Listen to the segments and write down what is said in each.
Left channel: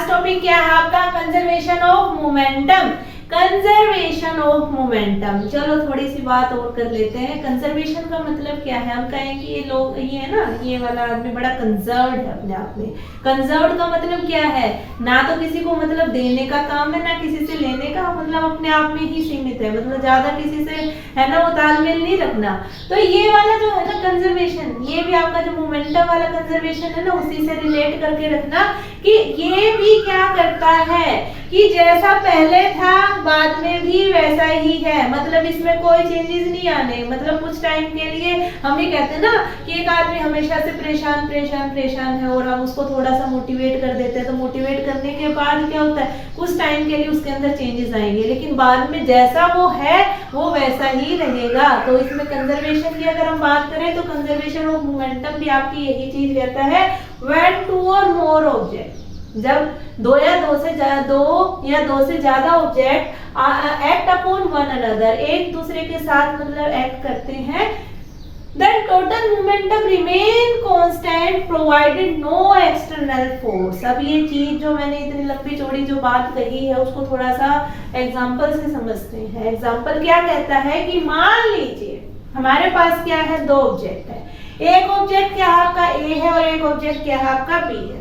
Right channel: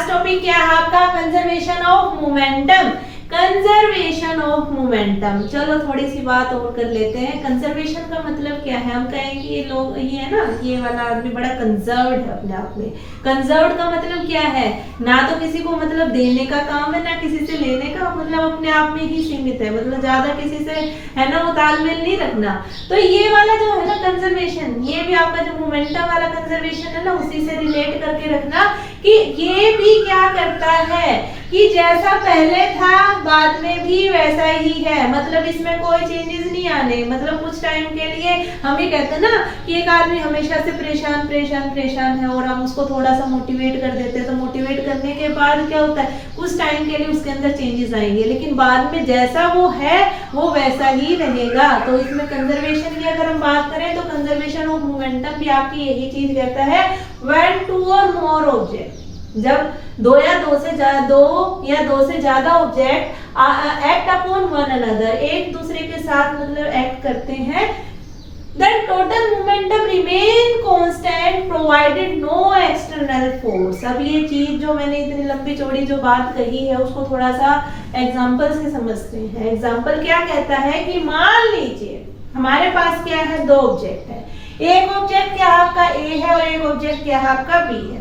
Last topic क्या है आपका, conservation of momentum. Conservation of momentum, चलो थोड़ी सी बात और कर लेते हैं। कंजर्वेशन का मतलब क्या है, हम कहें कि ये लोग, ये है ना, ये वाला आदमी बड़ा कंजर्व्ड है अपने आप में। कंजर्व्ड का मतलब क्या है, ना तो किसी को मतलब देने का काम है, ना किसी से लेने का, मतलब अपने आप में ही सीमित है, मतलब ज्यादा किसी से है ना वो तालमेल नहीं रखना। तो ये वाला जो है ना कंजर्वेशन, ये भी आपका जो मोमेंटम वाला कंजर्वेशन है ना, उसी से रिलेट करके रखना कि ये भी क्या करता है कि जैसा पहले था बाद में भी वैसा ही है, मतलब इसमें कोई चेंजेस नहीं आने। मतलब कुछ टाइम के लिए हम ये कहते हैं ना कि एक आदमी हमेशा से परेशान परेशान परेशान है और हम उसको थोड़ा सा मोटिवेट कर देते हैं, तो मोटिवेट करने के बाद क्या होता है, कुछ टाइम के लिए उसके अंदर चेंजेस आएंगे, लेकिन बाद में जैसा वो है वो वैसा ही रहेगा। तो इसमें कंजर्वेशन की अगर हम बात करें तो कंजर्वेशन ऑफ मोमेंटम भी आपकी यही चीज कहता है, व्हेन टू और मोर ऑब्जेक्ट, जब दो या दो से ज्यादा object act upon one another, एक दूसरे के साथ मतलब एक्ट करते हैं, then total momentum remain constant provided no external force। अब ये चीज जो मैंने इतनी लंबी चौड़ी जो बात कही है उसको थोड़ा सा एग्जांपल से समझते हैं। एग्जांपल क्या कहता है कि मान लीजिए हमारे पास क्या है, दो ऑब्जेक्ट है, एक ऑब्जेक्ट क्या है आपका ए है और एक ऑब्जेक्ट क्या है आपका बी है।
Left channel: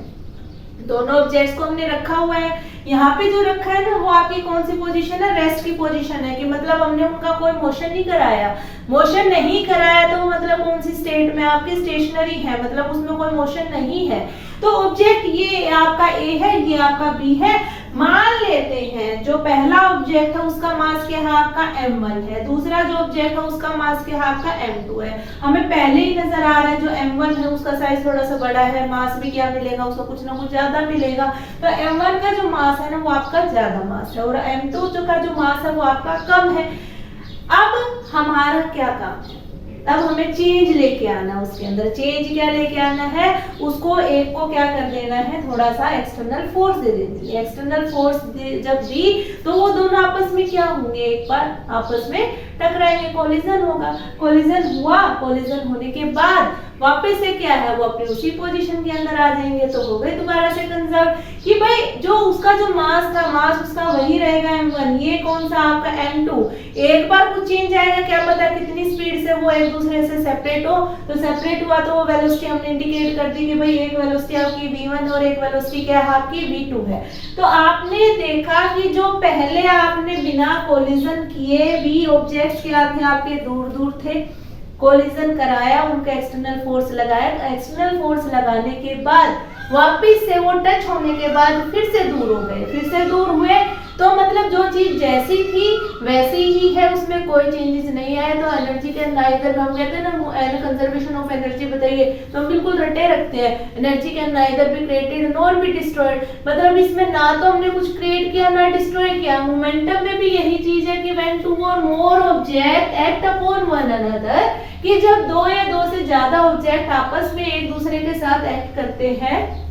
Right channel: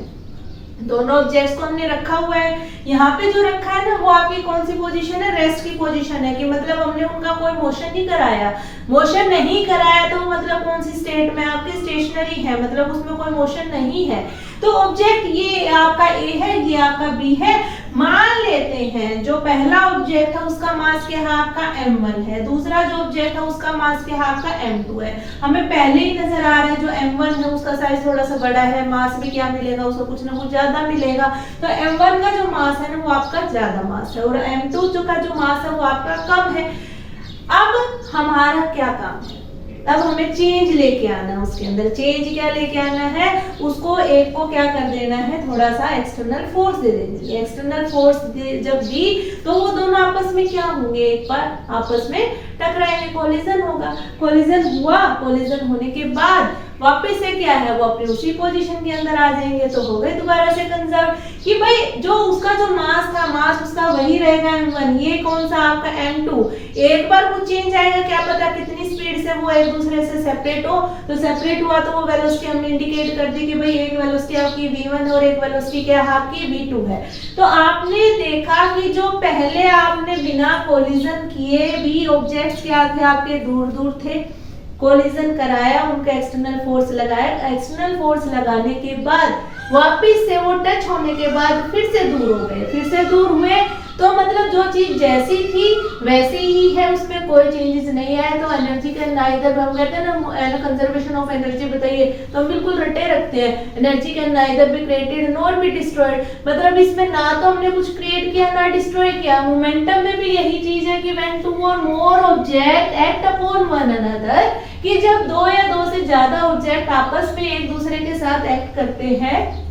दोनों ऑब्जेक्ट्स को हमने रखा हुआ है, यहाँ पे जो रखा है ना वो आपकी कौन सी पोजीशन है, रेस्ट की पोजीशन है, कि मतलब हमने उनका कोई मोशन नहीं कराया। मोशन नहीं कराया तो मतलब कौन सी स्टेट में आपकी, स्टेशनरी है, मतलब उसमें कोई मोशन नहीं है। तो ऑब्जेक्ट ये आपका ए है, ये आपका बी है। मान लेते हैं जो पहला ऑब्जेक्ट है उसका मास क्या है आपका m1 है, दूसरा जो ऑब्जेक्ट है उसका मास क्या है आपका m2 है। हमें पहले ही नजर आ रहा है जो m1 है उसका साइज थोड़ा सा बड़ा है, मास भी क्या मिलेगा उसको, कुछ ना कुछ ज्यादा मिलेगा। तो m1 का जो मास है ना वो आपका ज्यादा मास है और m2 जो का जो मास है वो आपका कम है। अब हमारा क्या काम है, अब हमें चेंज लेके आना, उसके अंदर चेंज क्या लेके आना है, उसको एक को क्या कर देना है, थोड़ा सा एक्सटर्नल फोर्स दे देनी है। एक्सटर्नल फोर्स जब दी तो वो दोनों आपस में क्या होंगे, एक बार आपस में टकराएंगे, कोलिजन होगा। कोलिजन हुआ, कोलिजन होने के बाद वापस से क्या है वो अपनी उसी पोजीशन के अंदर आ जाएंगे, तो हो गए दोबारा से कंजर्व कि भाई जो उसका जो मास था, मास उसका वही रहेगा m1, ये कौन सा आपका m2। एक बार कुछ चेंज आएगा, क्या पता कितनी स्पीड से वो एक दूसरे से सेपरेट हो, तो सेपरेट हुआ तो वो वेलोसिटी हमने इंडिकेट कर दी कि भाई एक वेलोसिटी आपकी v1 और एक वेलोसिटी क्या है आपकी v2 है। तो आपने देखा कि जो पहले आपने बिना कोलिजन किए भी ऑब्जेक्ट्स क्या थे आपके, दूर दूर थे, कोलिजन कराया, उनका एक्सटर्नल फोर्स लगाया, एक्सटर्नल फोर्स लगाने के बाद वापस से वो टच होने के बाद फिर से दूर हो गए, फिर से दूर हुए, तो मतलब जो चीज जैसी थी वैसी ही है, उसमें कोई चेंजेस नहीं आए। तो एनर्जी के नाइदर, हम कहते हैं ना कंजर्वेशन ऑफ एनर्जी बताइए तो हम बिल्कुल रटे रखते हैं, energy can neither be created nor be destroyed, मतलब इसमें ना तो हमने कुछ क्रिएट किया ना डिस्ट्रॉय किया। मोमेंटम में भी यही चीज है कि व्हेन टू और more object act upon one another, कि जब दो या दो से ज्यादा ऑब्जेक्ट आपस में एक दूसरे के साथ एक्ट करते हैं,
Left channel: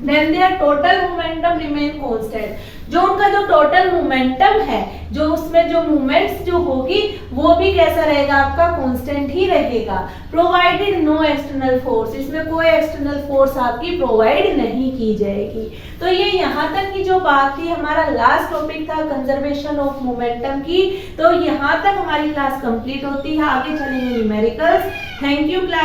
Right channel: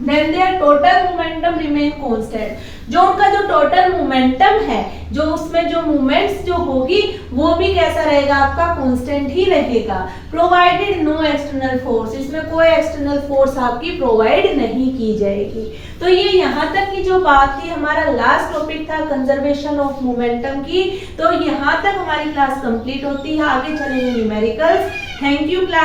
then their total momentum remain constant। जो उनका जो टोटल मोमेंटम है, जो उसमें जो मूवमेंट्स जो होगी वो भी कैसा रहेगा आपका, कांस्टेंट ही रहेगा। प्रोवाइडेड नो एक्सटर्नल फोर्स, इसमें कोई एक्सटर्नल फोर्स आपकी प्रोवाइड नहीं की जाएगी। तो ये यहाँ तक की जो बात थी, हमारा लास्ट टॉपिक था कंजर्वेशन ऑफ मोमेंटम की। तो यहाँ तक हमारी क्लास कंप्लीट होती है, आगे चलेंगे न्यूमेरिकल्स। Thank you class.